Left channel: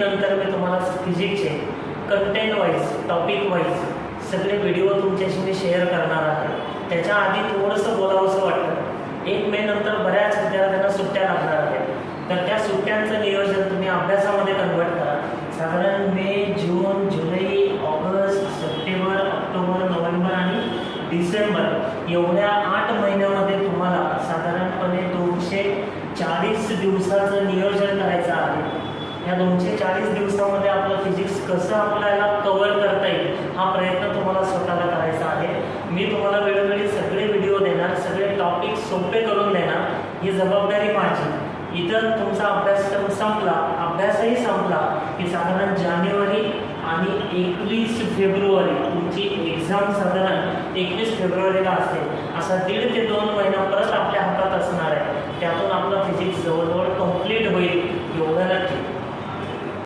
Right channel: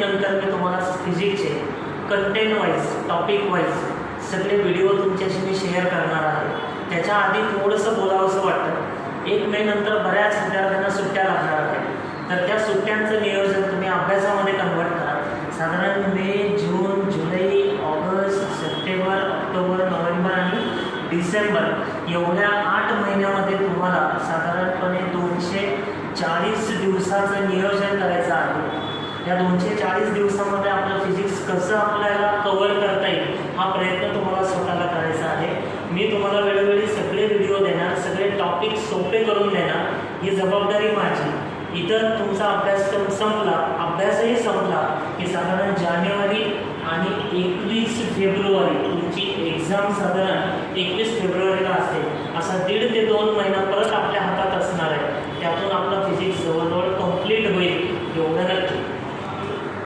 नंतर मी तुम्हाला फिजिक्सचे content wise topic wise सगळे व्हिडिओ तुमच्याशी मी शेअर करणार आहे। त्याच्या आधी थोडंसं बोलावंसं वाटतं, 1 मे नंतर बऱ्याच विद्यार्थ्यांना सुट्ट्या लागणार आहेत, तर त्या सुट्ट्यांचं नियोजन तुम्ही अभ्यासामध्ये कन्वर्ट करा। साधारण मे, जून, जुलै, ऑगस्ट, सप्टेंबर, ऑक्टोबर, नोव्हेंबर आणि डिसेंबर एवढ्या 8 महिन्यामध्ये तुम्हाला साधारणपणे 240 दिवसाचं नियोजन करायचं आहे। या 240 दिवसामध्ये आपलं फिजिक्स कसं आपल्याला कव्हर करता येईल हा प्रयत्न तुम्हाला स्वतःला करायचा आहे। मी तुम्हाला वेळोवेळी सगळे व्हिडिओ देणार, सगळे टॉपिक सोपे करून देणार, ही जबाबदारी माझी। इतर तुमचा अभ्यासक्रम संपला, अभ्यासही संपला की साधारण जानेवारी आणि 21 फेब्रुवारी तुमची एक्झाम साधारण 21 फेब्रुवारीला असेल। असा 1.5 ते 2 महिना परत आपल्या हातात असणार आहे, त्यातून आपलं फिजिक्स जवळजवळ कंप्लीट होईल एवढं नक्की।